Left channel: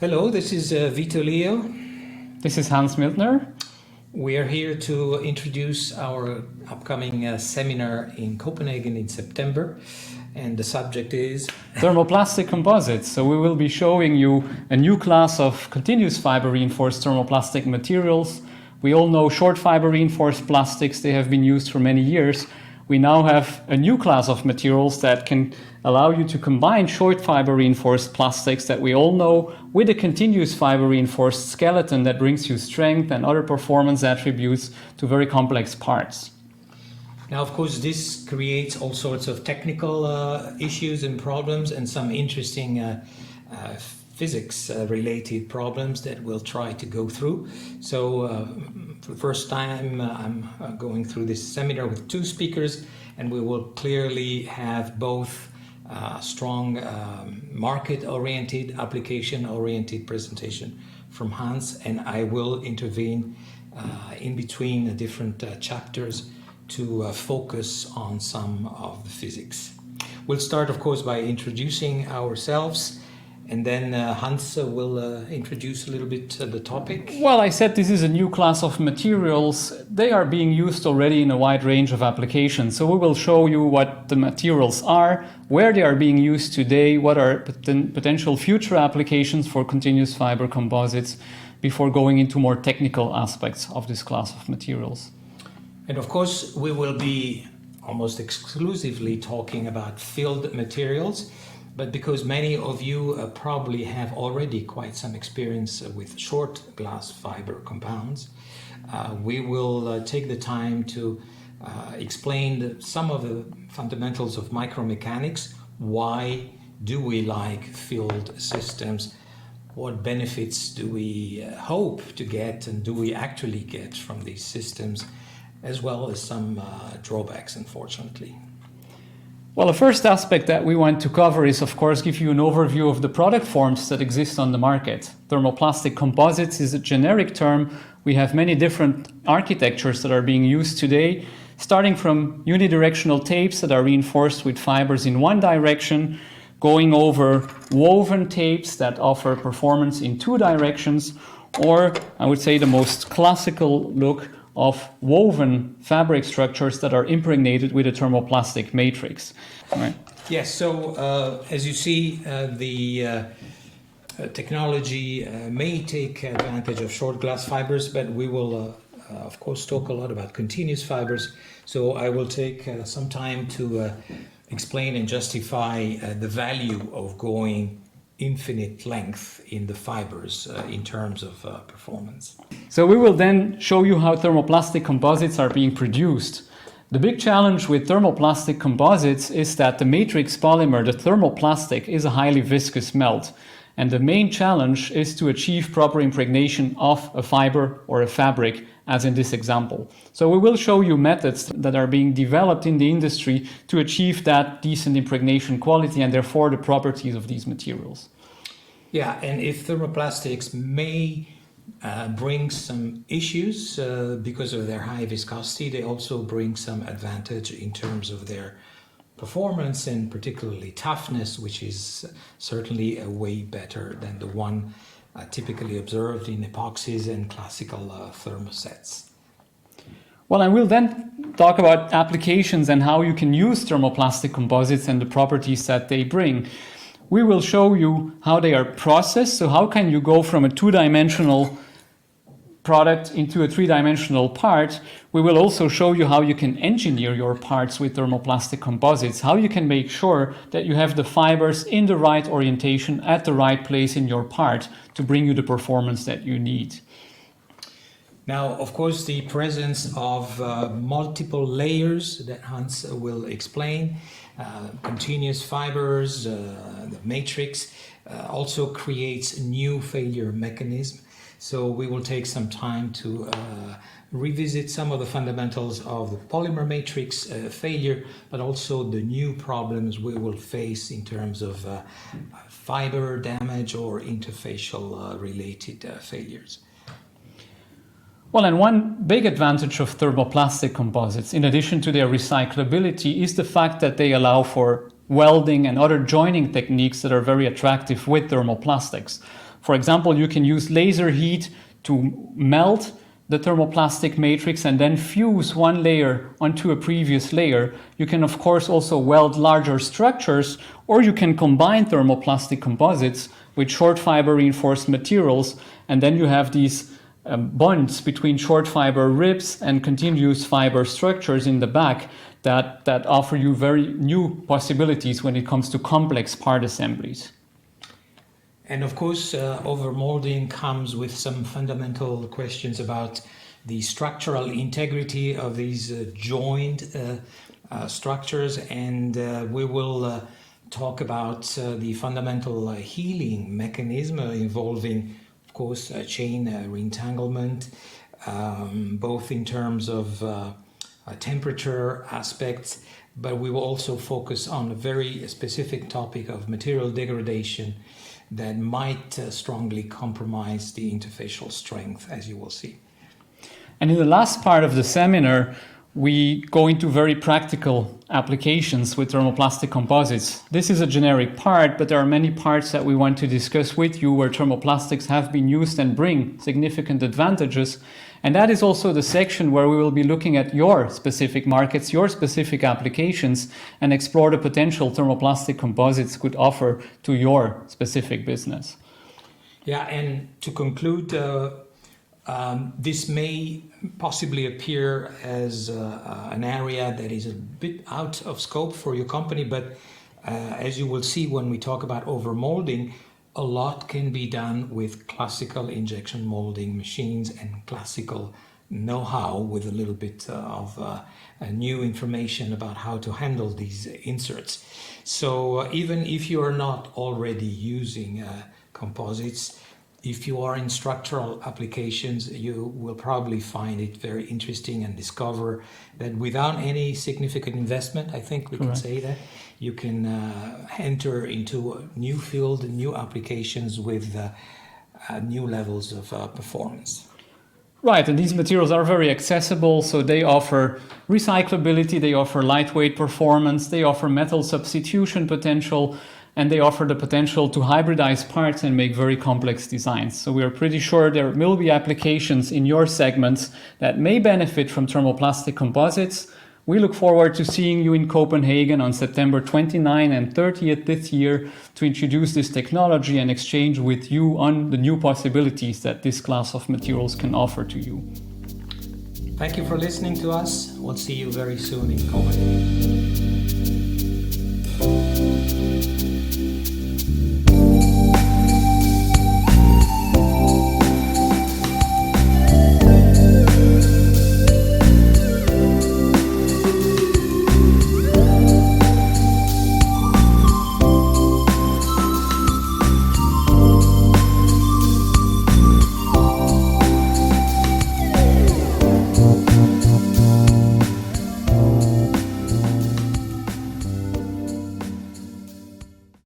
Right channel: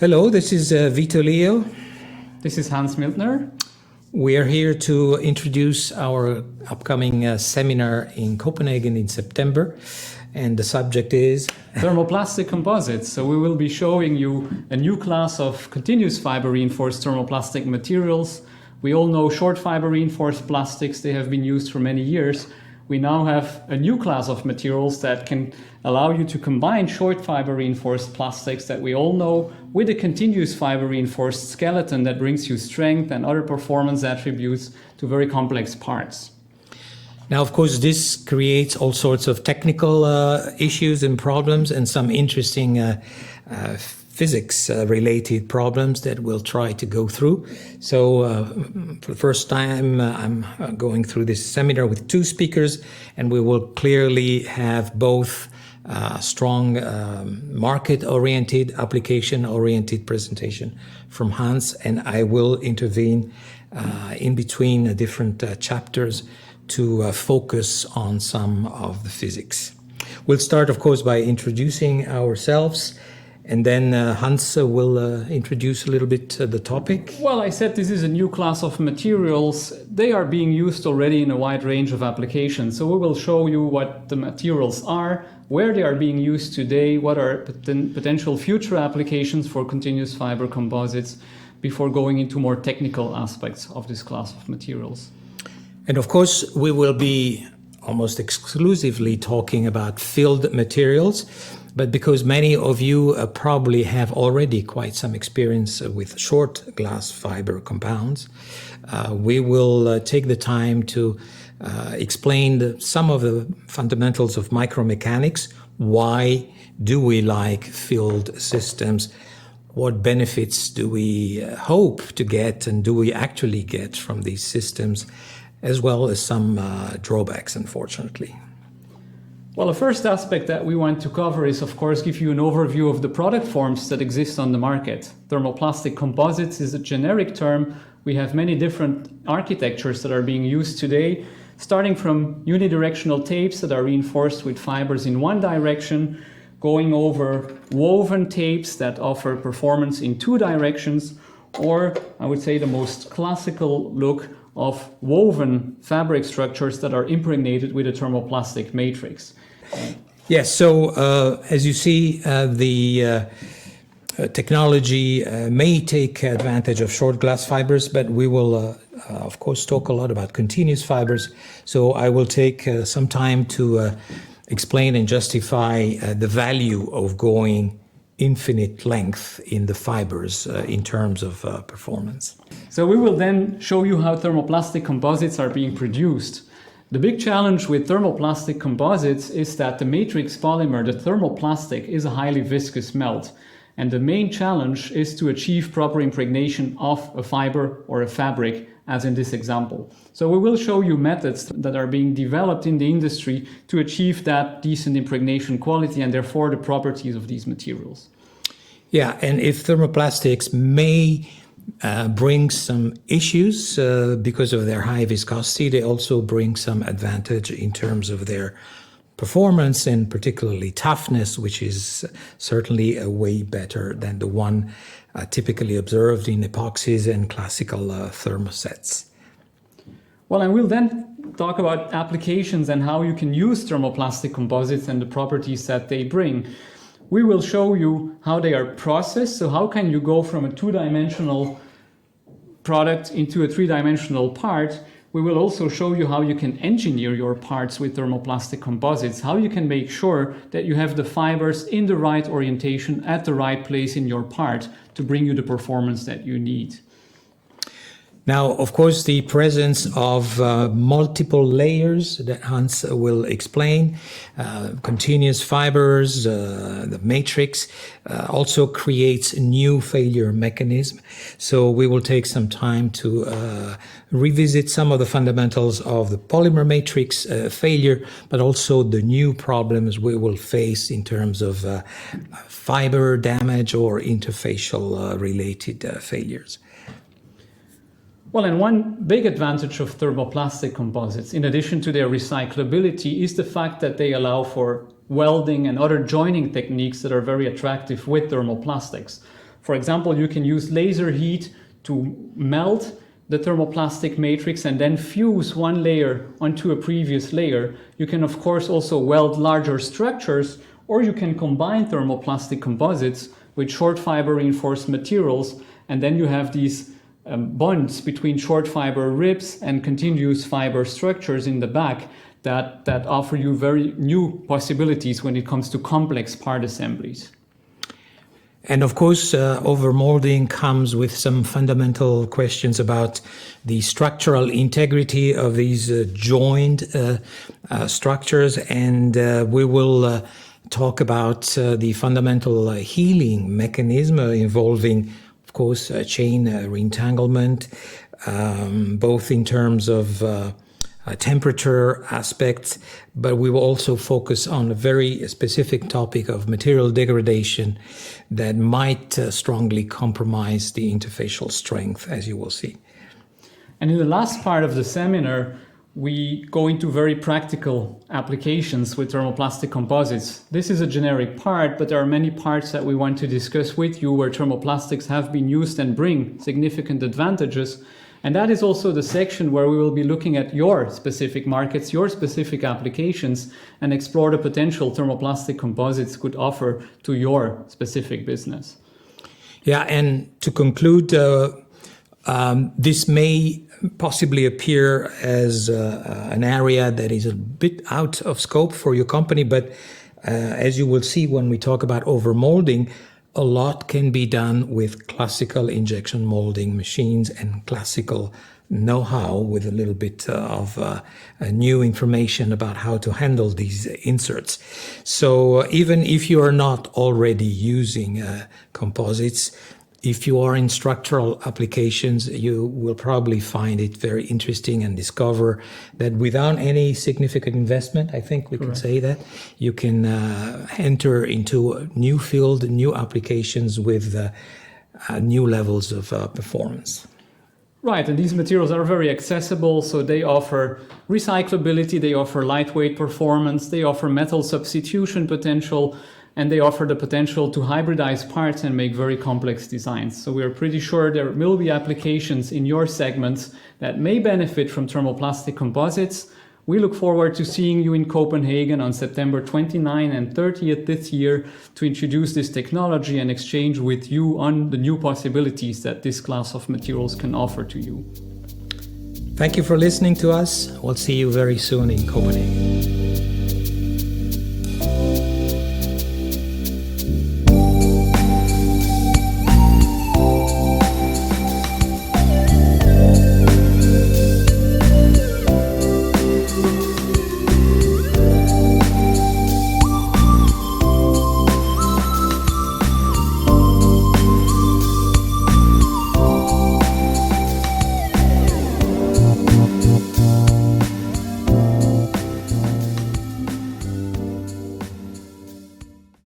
Hello, this is Vito Leo. This is Hans Miltner. We are here to introduce our upcoming seminar in Copenhagen in September, and the subject is Thermoplastic Composites. So we will be showing you a new class of continuous fiber reinforced thermoplastic materials. We all know short fiber reinforced plastics, they have been used for many years. We now have a new class of materials that can allow you to combine short fiber reinforced plastics that we all know with a continuous fiber reinforced skeleton that brings you strength and other performance attributes to very complex parts. Now, of course, this creates all sorts of technical issues and problems and some interesting physics-related problems that we'll try to go through. So for the first time, I'm going through this seminar with two speakers, and we will clearly have both strong market-oriented, application-oriented presentation from Hans, and I will intervene in between different chapters to focus on some of the physics. We'll start, of course, by introducing ourselves, and then Hans will introduce a little bit the topic. Well, I said this is a new class of materials. They are being used already in a wide range of applications. So we will show you what the materials are, where they are being used today, what are potential future applications for continuous fiber composites, before going into more technical aspects of this class of materials. And of course, we will be almost exclusively talking about filled materials, but because many of you probably have already quite some experience with short glass fiber compounds, we will take the time to explain some of the fundamentals of micromechanics. Why do we like filled systems? What benefits do we hope to get, and do we actually get from these systems, as well as some drawbacks, unfortunately. Well, the first aspect that we want to cover is, of course, give you an overview of the product forms that exist on the market. Thermoplastic composites is a generic term. We have many different architectures that are being used today, starting from unidirectional tapes that are reinforced with fibers in one direction, going over woven tapes that offer performance in two directions, or I would say the most classical look of woven fabric structures that are impregnated with a thermoplastic matrix. Right. Yes, so as you see, the technology may take advantage of short glass fibers, but we will, of course, talk a lot about continuous fibers. So I will take some time to explain and justify the value of going infinite length in the fibers in terms of performance. So we will then show you how thermoplastic composites are being produced. The big challenge with thermoplastic composites is that the matrix polymer, the thermoplastic, is a highly viscous melt. And the main challenge is to achieve proper impregnation of a fiber or a fabric, as in this example. So we will show you methods that are being developed in the industry to achieve that decent impregnation quality and therefore the properties of these materials. Yeah, and if thermoplastics may bring some issues because of their high viscosity, they also bring some advantage in terms of their performance and particularly toughness, which is certainly way better than the one typically observed in epoxies and classical thermosets. Well, I will then talk about applications and how you can use thermoplastic composites and the properties that they bring. We will show you how they are processed. So how can you go from a two-dimensional product into a three-dimensional part? We will also show you how you can engineer your parts with thermoplastic composites, how you can make sure that you have the fibers in the right orientation at the right place in your part to bring you the performance that you need. Now, of course, the presence of multiple layers that Hans will explain, continuous fibers, the matrix, also creates a new failure mechanism. So we will take some time to revisit some of the fundamentals of the polymer matrix failure, but also the new problems we will face in terms of fiber damage or interfacial related failures. Well, and one big advantage of thermoplastic composites, in addition to their recyclability, is the fact that they allow for welding and other joining techniques that are very attractive with thermoplastics. For example, you can use laser heat to melt the thermoplastic matrix and then fuse one layer onto a previous layer. You can, of course, also weld larger structures, or you can combine thermoplastic composites with short fiber reinforced materials, and then you have these bonds between short fiber ribs and continuous fiber structures in the back that offer you very new possibilities when it comes to complex part assemblies. And of course, overmolding comes with some fundamental questions about the structural integrity of these joined structures, and we will talk about the fundamental healing mechanism involving, of course, chain reentanglement, both in terms of temperature aspects, but we will also focus on a very specific topic of material degradation that might strongly compromise the interfacial strength, as you will see. And in the last part of the seminar, we go into very practical applications with thermoplastic composites. This is a generic part, but there are many parts that we want to discuss with you where thermoplastics have been used and bring significant advantages. And that is also the section where we will be looking at your specific markets, your specific applications, and explore the potential thermoplastic composites could offer to your specific business. Yeah, and to conclude, this may possibly appear as an area that is a bit out of scope for your company, but as you will see when we talk about overmolding, a lot can be done with classical injection molding machines and classical know-how with a little bit of new information about how to handle these inserts. So even if you are not already using composites, if you are in structural applications, you will probably find it very interesting and discover that without any significant investment, I think we can say that, you can enter into a new field, new applications with new levels of performance. Right, and these materials are very accessible, so they offer recyclability, they offer lightweight performance, they offer metal substitution potential, and they offer the potential to hybridize parts and make very complex designs. So we are pretty sure there will be applications in your segments that may benefit from thermoplastic composites. We look forward to seeing you in Copenhagen on September 29 and 30th this year to introduce this technology and exchange with you on the new possibilities that this class of materials can offer to you. Thank you for listening to us. We'll see you very soon in Copenhagen.